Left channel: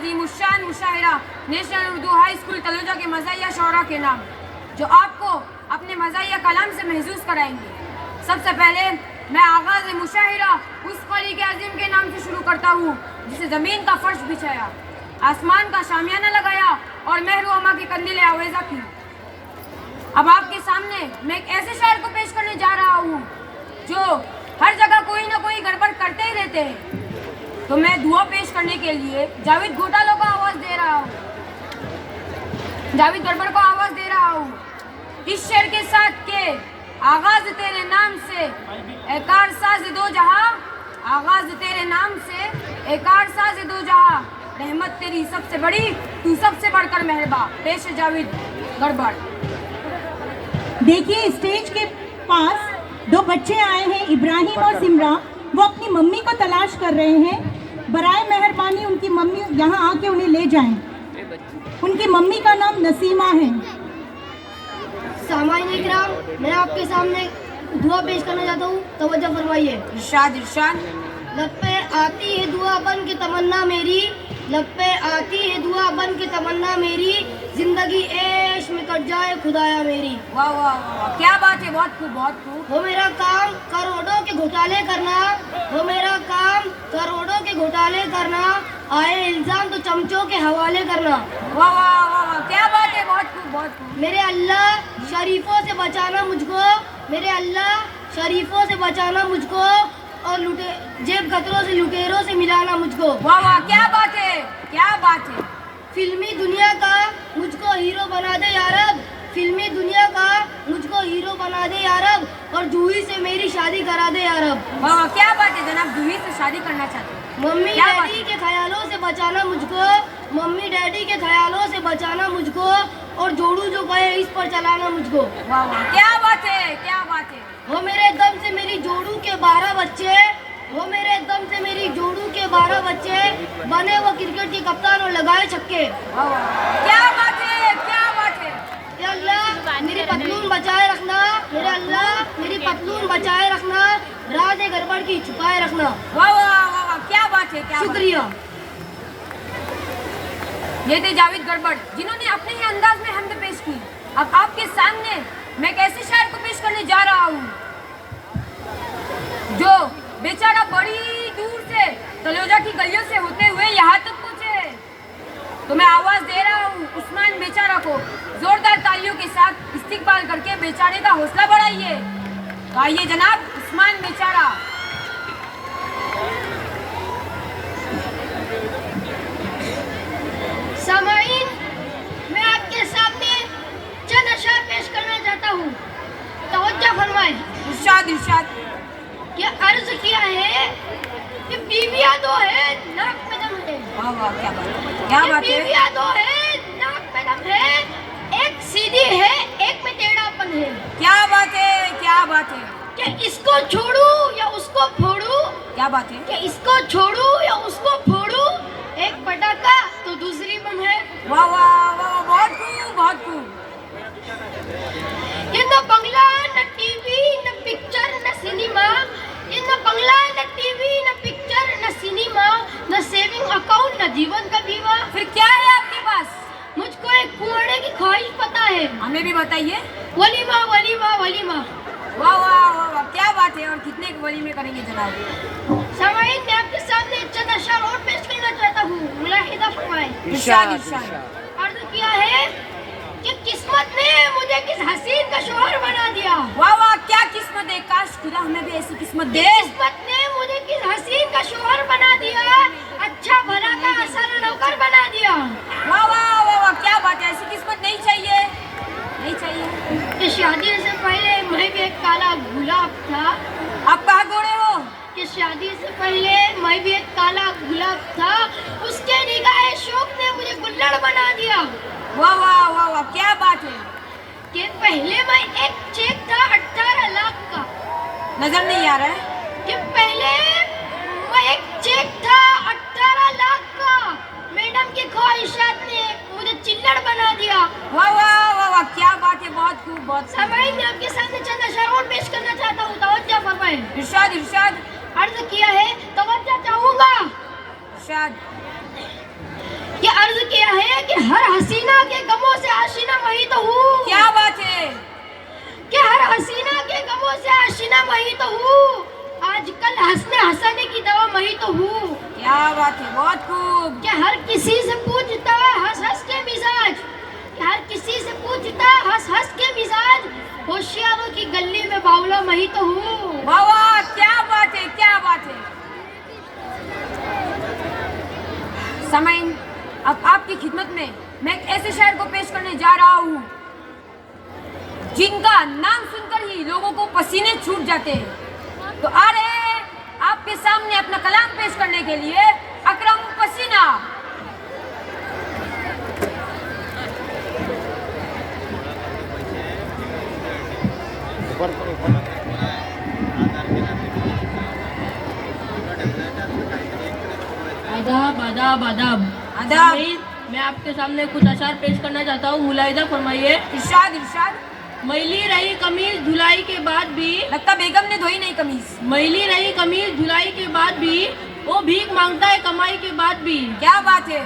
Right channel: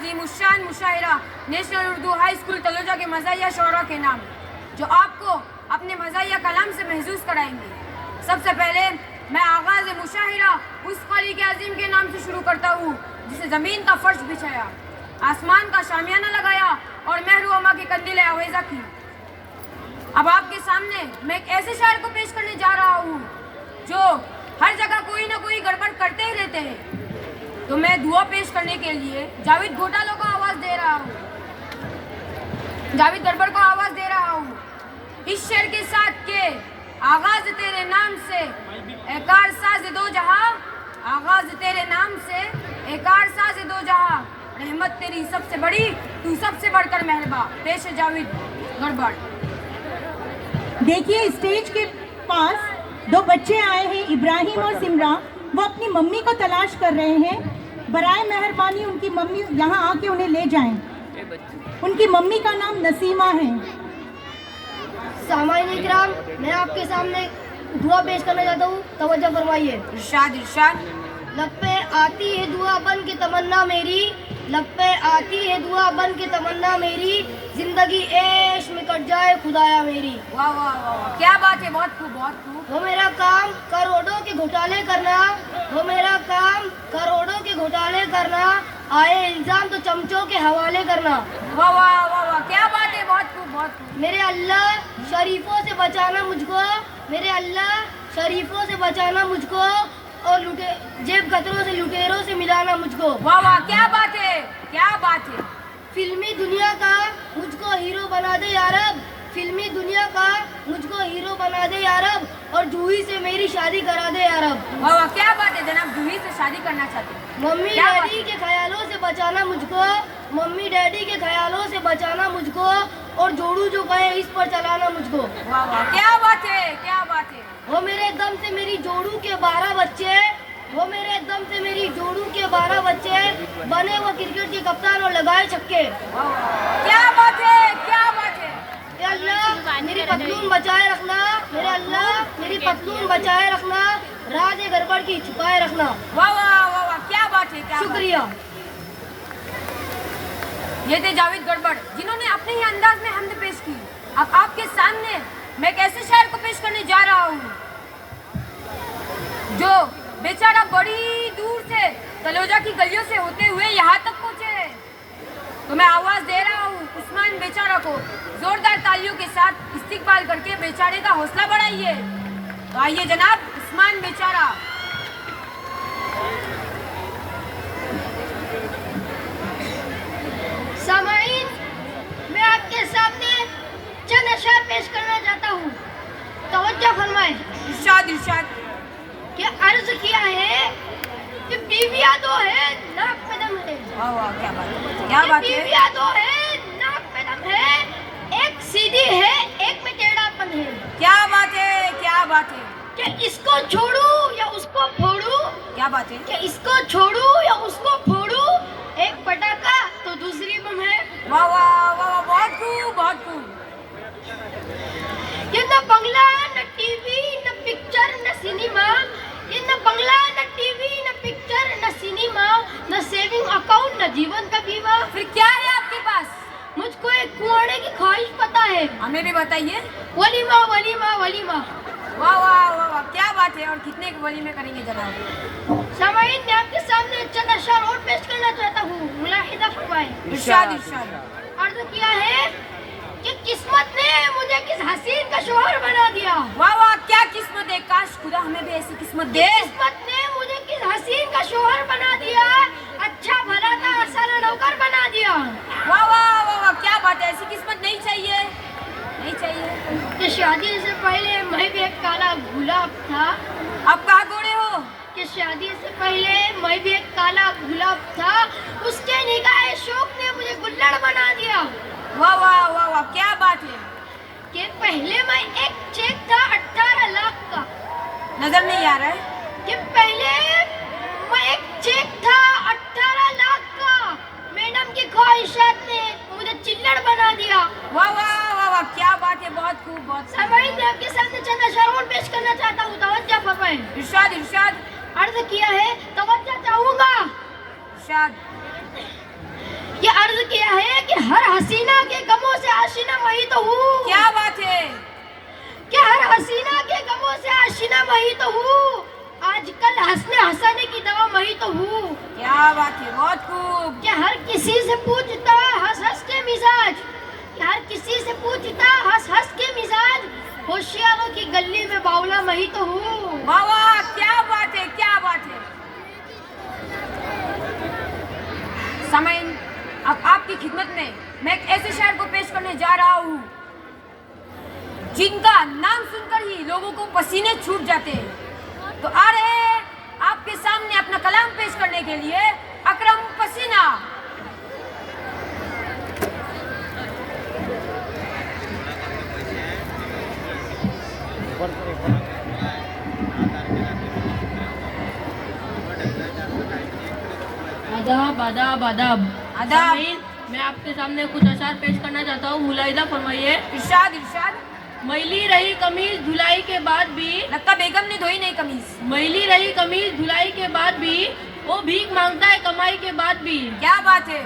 अजीमुश्शान मुशायरा national Urdu high school Taloja के मज़ाहिया शौरा के नाम, जो आपको अपने मज़ाहिया कलाम से महसूस कराएंगे। सबसे पहले मैं आगाज़ मुशाहिरा उस खलीक़ अज़ीम के नाम से शुरू करता हूँ जिसे ज़मीन का फर्श बिछाया, आसमान का शामियाना लगाया और महरुमा की कंदीलें आवेज़ा की। अब आपके सामने मैं एक ऐसे शायर को पेश करने जा रहा हूँ जो हर जगह कोई ना कोई गड़बड़ करते ही रहते हैं। तो मैं दुआ पेश करने के लिए जावेद घोटालों को आवाज़ दे रहा हूँ, जावेद गड़बड़ को आवाज़ दे रहा हूँ। इस शेर के साथ के आगाज़ तेरे नाम से ए कारसाज़ दो जहां, आगाज़ तेरे नाम से ए कारसाज़ दो जहां, रहमत तेरी सबसे बड़ी, तू सबसे बढ़कर मेहरबा। पेश है जावेद गड़बड़। देखिए स्टेज के पास दो बच्चे आए हैं, इब्राहिम और सिमरा। वो अपनी मम्मी को तलाश कर रहे हैं। बराए मेहरबानी उनकी मम्मी यहाँ आके उन्हें ले जाएं। उनकी मम्मी का नाम नसीमा है। सामाईन इकराम, मैं आपके सामने दुआ पेश करना चाहता हूँ, तवज्जो फरमाइए। इरशाद इरशाद। लब पे आती है दुआ बन के तमन्ना मेरी, लब पे आती है दुआ बन के तमन्ना मेरी, जिंदगी ऐश में कट जाए खुदाया मेरी। वाह वाह वाह, क्या बात है, बहुत खूब बहुत खूब। वो मेरा काम करोड़ों के घोटाले करना, वो मेरा काम करोड़ों के घोटाले करना, आए इल्जाम तो चमचों के हवाले करना। वाह वाह वाह वाह, क्या बात है, बहुत खूब बहुत खूब। मेरे अल्लाह शरीफों से बचाना मुझको, मेरे अल्लाह शरीफों से बचाना मुझको, और जेब कतरों से लुटेरों से मिलाना मुझको। वाह वाह, क्या बात है, क्या बात है। फिल्मी दुनिया का मुझको हीरो बना दे या रब, फिल्मी दुनिया का मुझको हीरो बना दे या रब, और जूही से मेरी शादी करा दे या रब। वाह वाह, क्या बात है जनाब, जूही से शादी करना चाहते हैं। मम्मी डैडी के ख्यालों से बचाना मुझको, मम्मी डैडी के ख्यालों से बचाना मुझको, और जोड़ू जो कहे इस पर चलाना मुझको। वाह वाह, क्या बात है, क्या बात है। वो मेरे दम से मेरी जोड़ू के 12 बच्चे, वो मेरे दम से मेरी जोड़ू के 12 बच्चे, बने वो क्रिकेट के कप्तान और लगाए छक्के। वाह वाह, क्या बात है, क्या बात है। या अल्लाह मेरी पतलून बचाए रखना, मेरे अल्लाह मेरी पतलून बचाए रखना, राज गड़बड़ की छुपाए रखना। वाह वाह वाह वाह, क्या बात है, क्या शुक्रिया। ये थे जावेद गड़बड़, जिन्होंने अपने ही अंदाज में हमद पेश की। अब आपके सामने मैं एक ऐसे शायर को पेश करने जा रहा हूँ जो बेचारा बड़ी दूर से तलोजा की गलियों से होते हुए यहाँ तक पहुँचे। तो मैं आवाज़ दे रहा हूँ उस्मान बेचारा को, जोरदार तालियों के साथ इस्तिकबाल करके बेचारे का हौसला बढ़ाइए। तो आइए जनाब, उस्मान बेचारा। सामाईन, मैं आपके सामने चंद अशआर पेश करना चाहता हूँ, तवज्जो फरमाएं। इरशाद इरशाद। कि अर्ज किया है कि बीवियाँ दो है नाक कदम है, वाह वाह, क्या बात है, क्या कि बात है। बीवियाँ दो है नाक कदम है, एक सीधी है एक में टेढ़ापन है, क्या बात है, क्या बात है। कि इसको छोड़ूं या उसको फोड़ूं, क्या बात है। कि इसको छोड़ूं या उसको फोड़ूं, एक पटाखा तो दूसरी बम है। वाह वाह वाह, बहुत खूब बहुत खूब। ये न बंगला न टीवी न पिक्चर न सिनेमा, ये न बंगला न टीवी न पिक्चर न सिनेमा, न सेविंग अकाउंट न जीवन का बीमा। फिर क्या है आपके पास? मुझको एक कुआड़े की ख्वाहिश पता है, हमें भी बताइए। वलीमा वलीमा वलीमा। वाह वाह वाह वाह, क्या बात है। और कितने वलीमे करेंगे जनाब? सामाईन, मैं आपके सामने चंद अशआर और पेश करना चाहता हूँ, मुलाहिदा फरमाएं। इरशाद इरशाद। अर्ज किया है कि किस्मत ने मुझे किस हसीन का शौहर बना दिया। वाह वाह, क्या किस्मत है, काश खुदा हमें भी ऐसी किस्मत दे। किस्मत ने मुझे किस हसीन का शौहर बना दिया, अच्छा भला का आसान नौकर बना दिया। वाह वाह वाह वाह, क्या बात है, ऐसी किस्मत नहीं चाहिए, नहीं चाहिए। कि शादी से पहले मैं भी एक काला गुलाब था, आप कहाँ दौड़े हो? कि शादी से पहले मैं भी एक काला गुलाब था, उसके निगाहे शौक ने मुझे गुल्लड़ बना दिया। वाह वाह वाह वाह, क्या बात है। कि पहले मैं एक चेक था 18 लाख का, नजर नहीं आ रहा है। कि पहले मैं एक चेक था 18 लाख का, मैडम की ख्वाहिशात ने मुझे चिल्लड़ बना दिया। वाह वाह वाह वाह, क्या बात है, बहुत खूब बहुत खूब। सामाईन, मैं आपके सामने चंद अशआर और पेश करना चाहता हूँ, तवज्जो फरमाएं। इरशाद इरशाद। अर्ज किया है, तवज्जो चाहूंगा। इरशाद। कि हर हसीना के गमों से आशीना वही तो हूँ। क्या बात है, कि हर हसीना के गमों से आशीना वही तो हूँ। आजकल हंसने हंसाने की दवा वही तो हूँ। क्या बात है, बहुत खूब। कि हर किसी से पूछता हंस हंस के मिजाज, कि हर किसी से पूछता हंस हंस के मिजाज, होशियारों की गली में बावला वही तो हूँ। वाह वाह, क्या बात है, क्या बात है। समईन, अब आपकी खिदमत में मैं एक ऐसे शायर को पेश करने जा रहा हूँ जिनका नाम सुनकर ही लोगों को पसीने छूट जाते हैं। तो आ रहे हैं आपके सामने अपना कलाम पेश करने के लिए अकरम पसीना। आदाब आदाब आदाब आदाब। मैं आपके सामने कुछ अशार पेश करना चाहता हूँ। मुलाहिजा फरमाइए। इरशाद इरशाद। मैली रही कमीज धुलाई के बाद भी, लगता बेगम ने धोई नहीं कमीज। मैली रही कमीज धुलाई के बाद भी, वो भीख मांगता है कमाई के बाद भी। क्या बात है,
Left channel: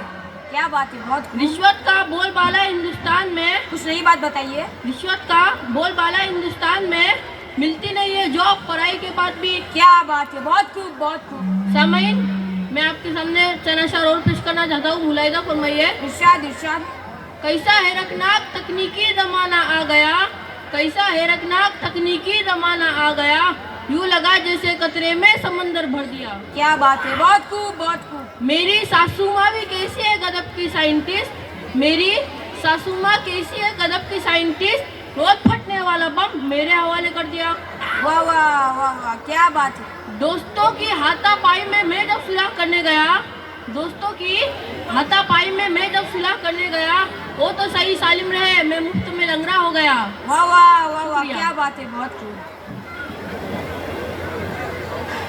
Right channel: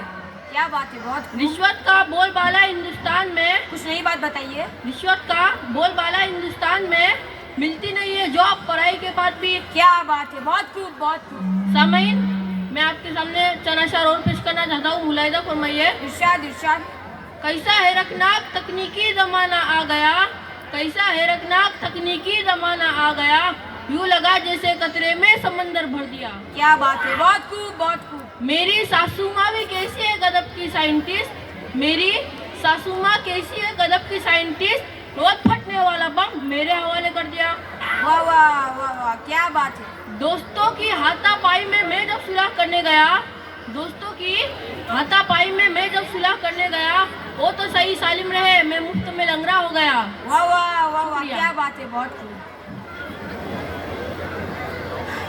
क्या बात है, बहुत खूब। रिश्वत का बोलबाला हिंदुस्तान में, कुछ नई बात बताइए। रिश्वत का बोलबाला हिंदुस्तान में, मिलती नहीं है जॉब पढ़ाई के बाद भी। क्या बात है, बहुत खूब, बहुत खूब। सामईन, मैं आपके सामने चंद अशार और पेश करना चाहता हूँ। मुलाहिजा फरमाइए। इरशाद इरशाद। कैसा हैरतनाक तकनीकी जमाना आ गया, कैसा हैरतनाक तकनीकी जमाना आ गया, यूं लगा जैसे कचरे में समंदर भर दिया। क्या बात है, बहुत खूब, बहुत खूब। मेरी सासू माँ भी कैसी है गजब की साइंटिस्ट, मेरी सासू माँ कैसी है गजब की साइंटिस्ट, रोज फटने वाला बम मेरे हवाले कर दिया। वाह वाह वाह वाह, क्या बात है। दोस्तों की हाथापाई में मैं जब सुलह करने गया, दोस्तों की हाथापाई में मैं जब सुलह करने गया, वो तो सही सालिम रहे, मैं मुफ्त में लंगड़ा हो गया। वाह वाह वाह वाह, क्या बात है, बहुत खूब।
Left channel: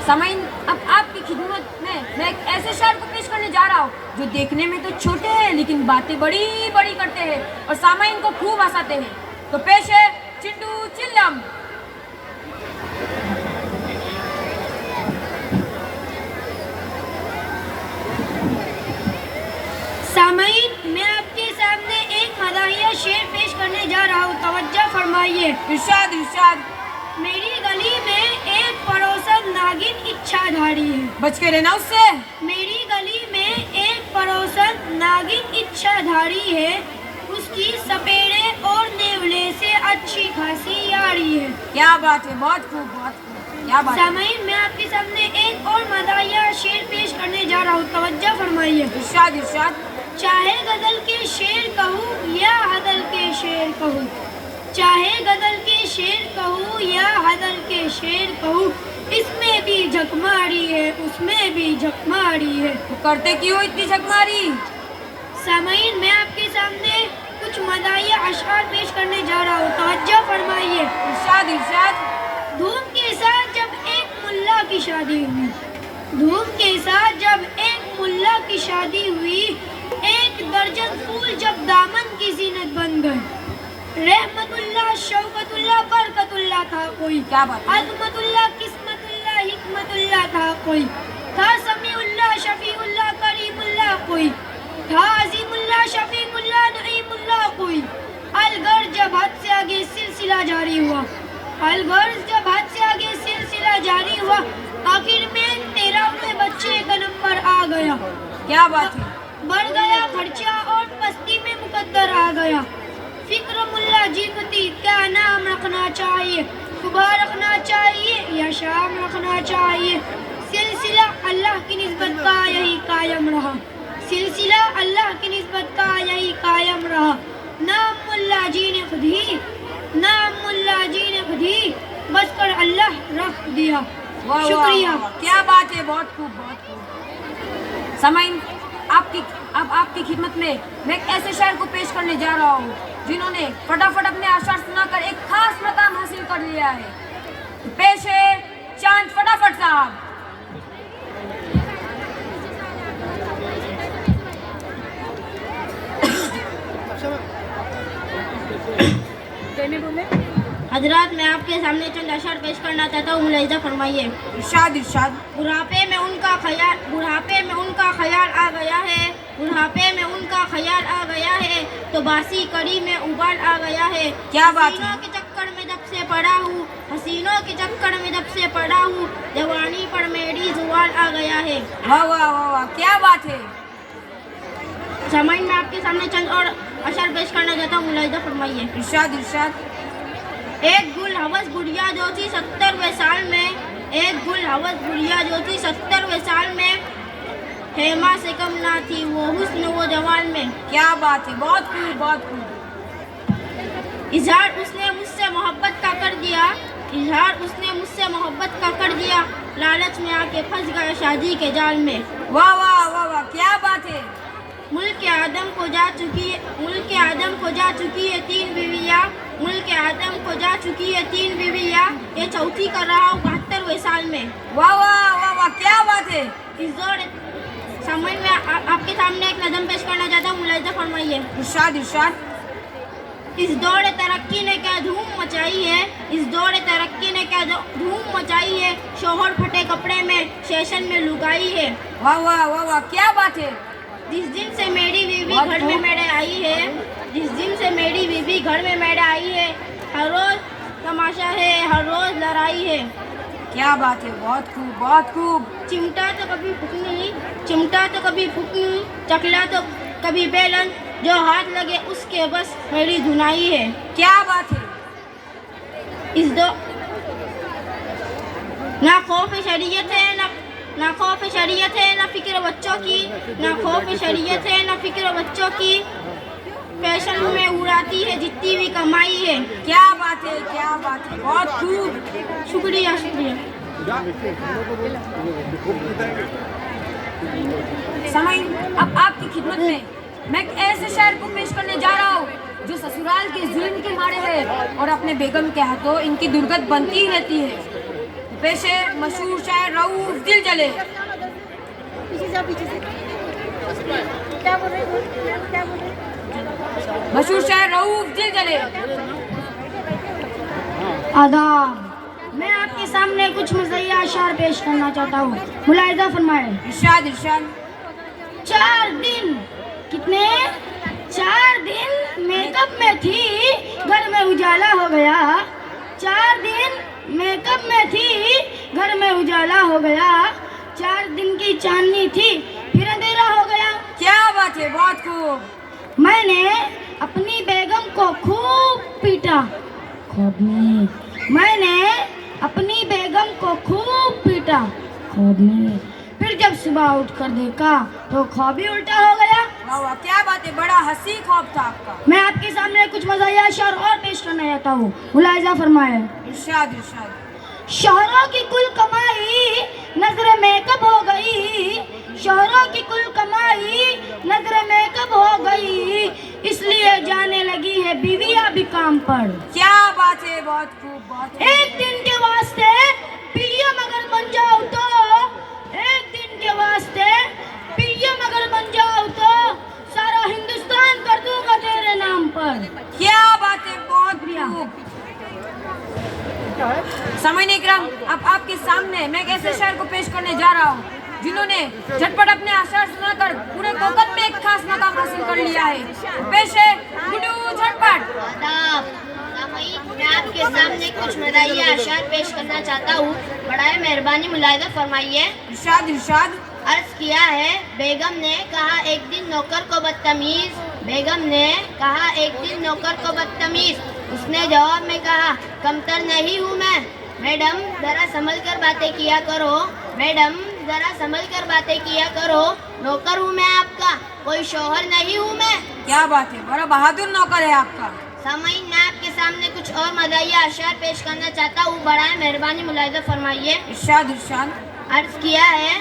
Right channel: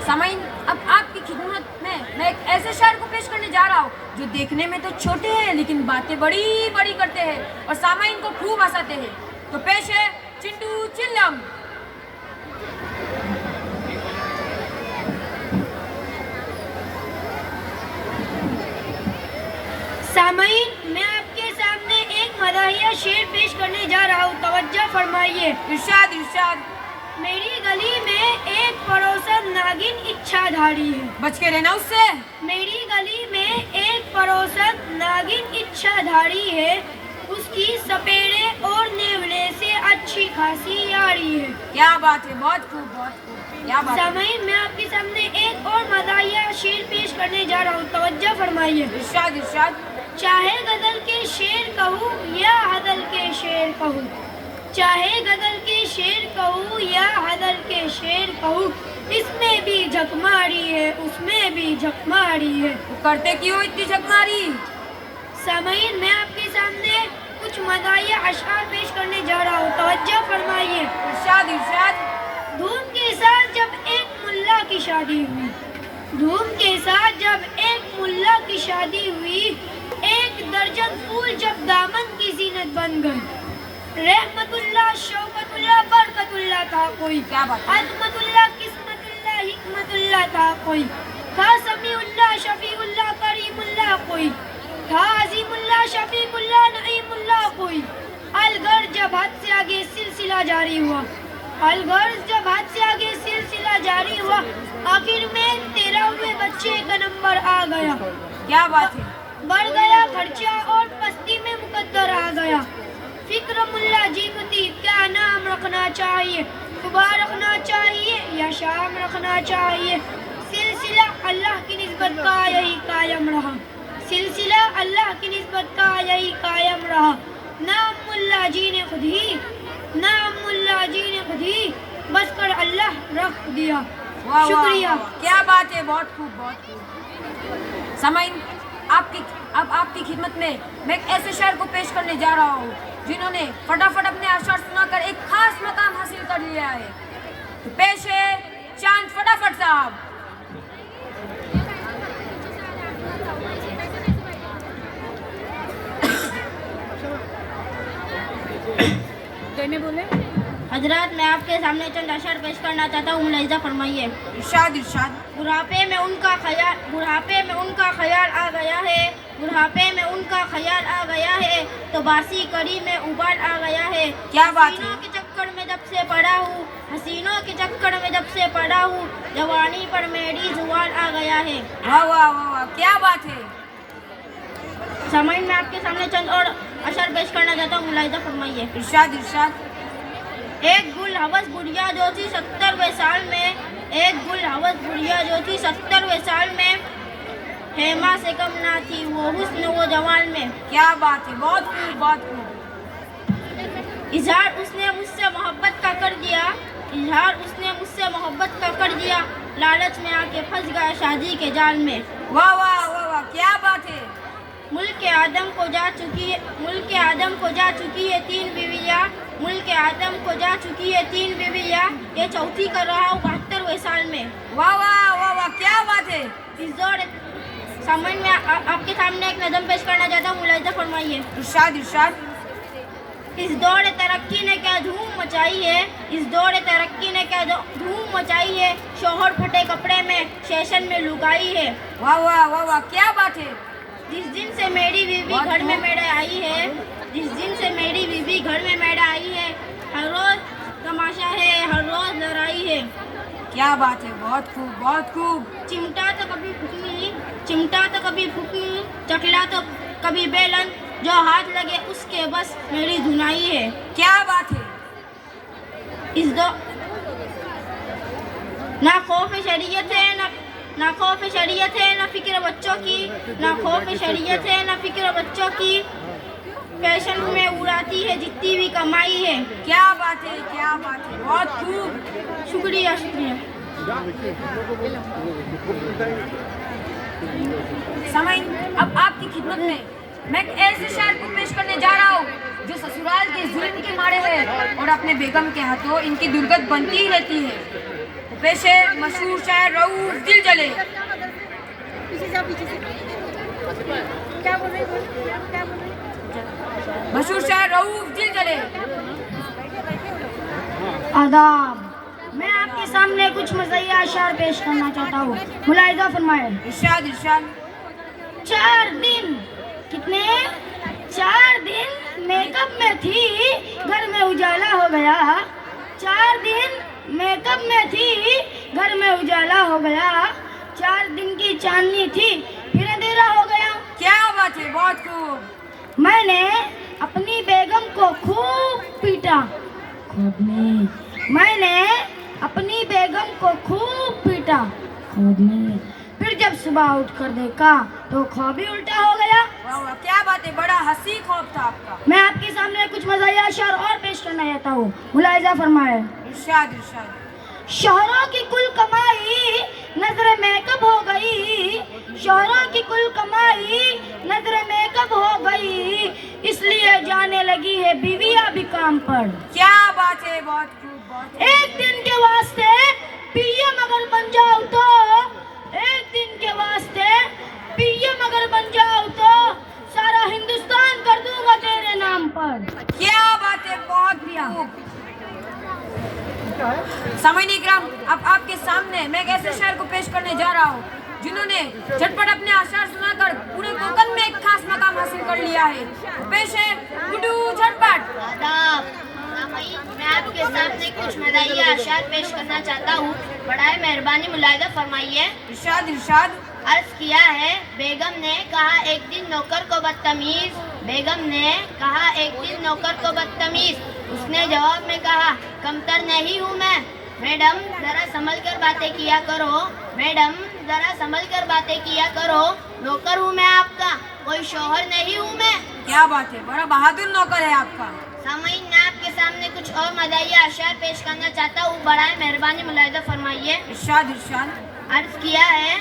समईन, अब आपकी खिदमत में मैं एक ऐसे शायर को पेश करने जा रहा हूँ जो देखने में तो छोटे हैं लेकिन बातें बड़ी बड़ी करते हैं और सामईन को खूब हंसाते हैं। तो पेश है चिंटू चिल्लम। सामईन, मैं आपके सामने एक मदाहिया शेर पेश करने जा रहा हूँ। तवज्जो फरमाइए। इरशाद इरशाद। मेरी गली में एक पड़ोसन नागिन इच्छाधारी है, बच के रहना उससे। मेरी गली में एक पड़ोसन नागिन इच्छाधारी है, उसकी सपेरे और नेवले से अच्छी खासी यारी है। क्या बात है, बहुत खूब, बहुत खूब, क्या बात है। सामईन, मैं आपके सामने एक और मदाहिया शेर पेश करने जा रहा हूँ। तवज्जो फरमाइए। इरशाद इरशाद। चाहे गजल के शेर कहूँ या हदल के शेर कहूँ, चाहे गजल के शेर कहूँ या हदल के शेर कहूँ, इसमें भी झकमारी है, उसमें भी झकमारी है। तो करते क्यों इतनी झकमारी। सामईन, मैं आपके सामने कुछ मदाहिया अशआर पेश करने जा रहा हूँ। तवज्जो फरमाइए। इरशाद इरशाद। धूम के साथ जब एक मुल्ला की शादी हुई, धूम के साथ जब एक मुल्ला की शादी हुई, एक दर्जन फूल जब दामन की जीनत बन गए, रहमतुल्लाह शौकतुल्लाह बरकतुल्लाह था कोई, क्या बात है। अज़मतुल्लाह किस्मतुल्लाह हिकमतुल्लाह था कोई, था समीउल्लाह शफीउल्लाह करीमुल्लाह कोई, था अज़ीमुल्लाह शफीउल्लाह नईमुल्लाह कोई। अलगर जब हद से आगे सिलसिला जारी हुआ, अलगर जब हद से आगे सिलसिला जारी हुआ, आखिर में 13वें बच्चे का नंबर आ गया। क्या बात है। बढ़ गया खर्चा और मस्ती में मुकद्दर आ गया। फिक्र मुल्ला जीनती क्या नाम रखना चाहिए, सुबह रखना चाहिए या शाम रखना चाहिए। सिलसिला अल्लाह की निस्बत का यही कायम रहा, सिलसिला अल्लाह की निस्बत का यही कायम रहा। नाम मुल्ला जी ने खुद ही, नाम मुल्ला जी ने खुद ही बस कर अल्लाह रख दिया। वाह, वाह, शुक्रिया। वाह, क्या बात है, बहुत खूब, बहुत खूब। समईन, अब आपकी खिदमत में मैं एक ऐसे शायर को पेश करने जा रहा हूँ जिन्होंने फटाफट अपने अशार सुनाकर एक खास मकाम हासिल कर लिया है। तो पेश है चांद फटाफट साहब। बोले। हजरात, मैं आपके सामने चंद अशआर पेश करना चाहता हूँ। मुलाहिजा फरमाइए। इरशाद इरशाद। बुढ़ापे में उनका ख्याल आ गया है, बुढ़ापे में उनका ख्याल आ गया कड़ी में उबाल आ गया है। क्या बात है? हसीनों के चक्कर में जब से पड़ा हूँ, हसीनों के चक्कर में जब से पड़ा हूँ, जवानी पर मेरी जुबान आ गया है। वाह वाह वाह वाह, क्या बात है। सामाइन मैं आपके सामने चंद और अशर पेश करना चाहता हूँ, मुलाहिजा फरमाइए। इरशाद इरशाद। एक गुल हवस बुढ़िया जो थी 70वें साल में, एक गुल हवस बुढ़िया जो थी 70वें साल में, हेमा से कम ना थी वो हुस्न वो जवान में। क्या बात है, बहुत खूब बहुत खूब। इजहार उसने मुझसे मोहब्बत का कर दिया, इजहार उसने मुझसे मोहब्बत का कर दिया, लालच में आके फंस गया शादी के जाल में। वाह वाह वाह वाह, क्या बात है। मुल्क आदम को जा चुकी है, मुल्क आदम को जा चुकी है 3 बीवियाँ, मुल्क आदम को जा चुकी है 3 बीवियाँ, ये चौथी कर रहा हूँ 72वें साल में। वाह वाह वाह वाह, क्या बात है। इस दौर सामान में आपके सामने एक नज़म पेश करना चाहता हूँ, मुलाहिजा फरमाइए। इरशाद इरशाद। इस दौर तरक्की ने क्या धूम मचाई है, इस दौर तरक्की ने क्या धूम मचाई है, शोहर फटे कपड़े में सेशन में लुगाई है। वाह वाह वाह वाह, क्या बात है। जिस दिन से मेरी बीवी घर में मेरे आई है, जिस दिन से मेरी बीवी घर में मेरे आई है, हर रोज तमाशा है, हर रोज लड़ाई है। क्या बात है, बहुत खूब बहुत खूब। चिमटा तो कभी फुकनी, चिमटा तो कभी फुकनी, चकला तो कभी बेलन, जो हाथ लगे उसके बस मेरी धुनाई है। क्या बात है। इस दो ना खौफ शरीयत है, ना खौफ शरीयत है, ना फिक्र बच्चों की, ना खौफ शरीयत है, ना फिक्र बच्चों की, फैशन में उड़ाती है जितनी भी कमाई है। क्या बात है, क्या बात है, बहुत खूब। शुक्रिया शुक्रिया। समय अब आपकी खिदमत में मैं एक ऐसे शायर को पेश करने जा रहा हूँ जो ससुराल के जुल्म के मारे है और अपने बेगम के हाथों इनकी दुर्गत बनती ही रहती है। पेश है मशहूर शायर रऊफ दिल जले। पीछे जाओ, पीछे से क्या बोल रहे हैं, क्या बोल रहे हैं? मशहूर शायर रऊफ दिल जले। आदाब, मैं आपके सामने कुछ मज़हिया अशार पेश करना चाहता हूँ, मुलाहिजा फरमाए। इरशाद इरशाद। 4 दिन कितने 4 दिन मेकअप में थी, घर में उजाला हो गया। 4 दिन मेकअप में थी, घर में उजाला हो गया। 4 दिन की चांदनी थी, फिर अंधेरा हो गया। क्या बात है, बहुत खूब। मैंने अपनी बेगम को खूब पीटा ख्वाब में, मैंने अपनी बेगम को खूब पीटा ख्वाब में, फिर जब सुबह उठकर देखा तो ख्वाब ही उल्टा हो गया। वाह वाह, क्या बात है, बड़ा हंसी ख्वाब था आपका। मैं आपके सामने कुछ मज़ाहिया शेर और पेश करना चाहता हूँ, मुलाहिजा फरमाए। इरशाद इरशाद। शोहरों की कुल कमाई नजर मेकअप हो गई, शोहरों की कुल कमाई नजर मेकअप हो गई, इसलिए जाने लगी है बीवियां भी काम पर। क्या बात है, बहुत खूब बहुत खूब। एक दिन के वास्ते पीएम अगर बन जाओ तो, एक दिन के वास्ते पीएम अगर बन जाओ तो सारा हिंदुस्तान कर दूंगा तेरे नाम पर। क्या बात है, बहुत खूब। समय इकराम, अब आपके सामने मैं एक ऐसे शायर को पेश करने जा रहा हूँ जिन्होंने झटपट अपने आशार सुनाकर पूरे कोकन में एक खास मकाम हासिल कर लिया है। पेश है गुड्डू झटपट। मैं आपके सामने कुछ मज़ाहिया अशार पेश करना चाहता हूँ, बड़ाए मेहरबानी मुलाहिजा फरमाइए। इरशाद इरशाद। अर्ज किया है, बेगम ने कहा एक दिन नौकर को बदतमीज, बेगम ने कहा एक दिन नौकर को बदतमीज, उसने जवाब में कहा कमतर नहीं हूँ मैं। मैडम जरा संभल कर बातें किया करो, मैडम जरा संभल कर बातें किया करो, नौकर हूँ मैं आपका, कोई शौहर नहीं हूँ मैं। क्या बात है, बड़ा बहादुर नौकर है आपका। सामईन, मैं आपके सामने कुछ और मज़ाहिया अशार पेश करना चाहता हूँ, बड़ाए मेहरबानी मुलाहिजा फरमाइए। इरशाद इरशाद। अर्ज किया है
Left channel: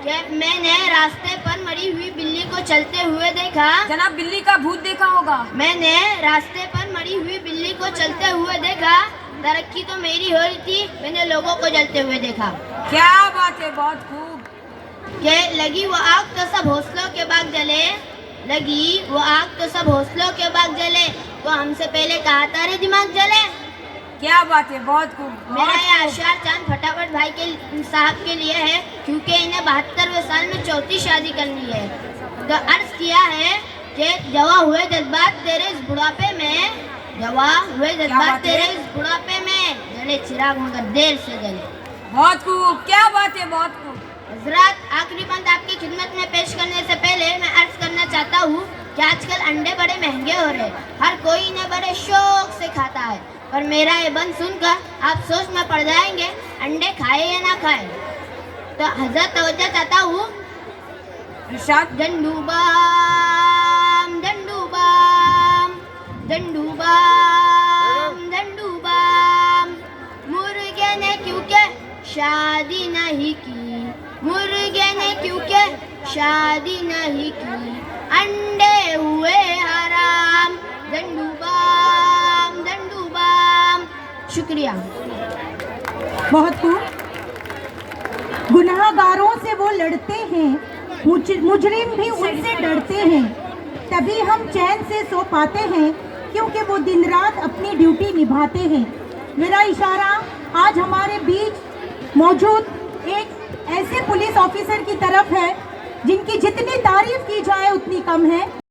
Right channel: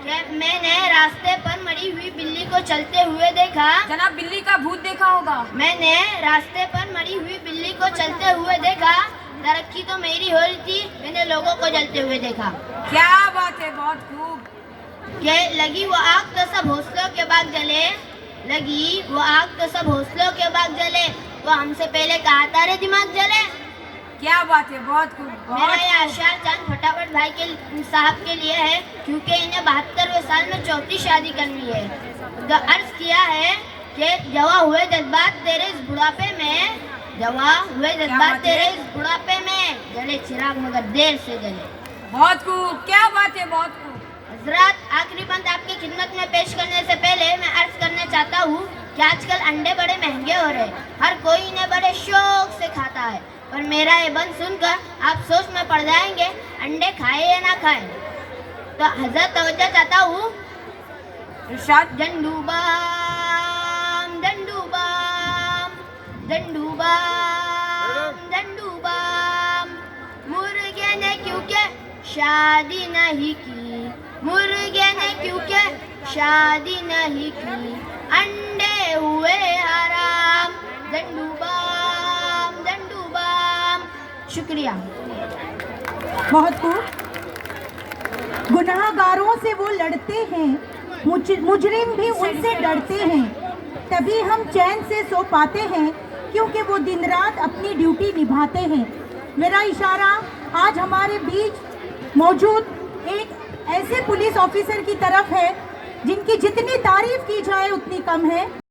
कि मैंने रास्ते पर मरी हुई बिल्ली को चलते हुए देखा। जनाब, बिल्ली का भूत देखा होगा। मैंने रास्ते पर मरी हुई बिल्ली को चलते हुए देखा, तरक्की तो मेरी हो रही थी, मैंने लोगों को जलते हुए देखा। क्या बात है, बहुत खूब। के लगी वो आग तो सब हौसलों के बाग जले, लगी वो आग तो सब हौसलों के बाग जले, तो हमसे पहले कहा तारे दिमाग जले। क्या बात है, बहुत खूब। मेरा ये अशार चांद फटाफट भाई के साहब के लिए है, क्योंकि इन्हें 72वें साल में चौथी शादी करनी है। अर्ज किया है कि जवा हुए जज्बात तेरे इस बुढ़ापे में, जवा हुए जज्बात तेरे इस बुढ़ापे में, जले चिराग मगर देर से जले। बहुत खूब, क्या बात है, बहुत खूब। हजरत, आखिरी बंद आपकी खिदमत में पेश करने से पहले मैं अर्ज करना चाहता हूँ कि आजकल अंडे बड़े महंगे हो रहे हैं, हर कोई इन्हें बड़े शौक से खाता है, पर मेरा ये बंद सुनकर आप सोच में पड़ जाएंगे अंडे खाए या ना खाए। तो हजरत तवज्जो चाहता हूँ। इरशाद। डंडूबाम डंडूबाम डंडूबाम डंडूबाम, मुर्गे ने क्योंकि शादी नहीं की, मुर्गे ने क्योंकि शादी नहीं की, अंडे हुए हराम। डंडूबाम डंडूबाम। शुक्रिया। बहुत खूब। गुनाहगारों से वो लड़ते हैं, मुजरिम भी उनसे डरते हैं, तभी हम चैन से सो पाते हैं क्योंकि वो दिन रात अपनी ड्यूटी निभाते हैं। मेरा इशारा आज हमारे बीच मौजूद एक ऐसे पुलिस ऑफिसर की तरफ है जिनकी जितनी तारीफ की जाए उतनी कम है।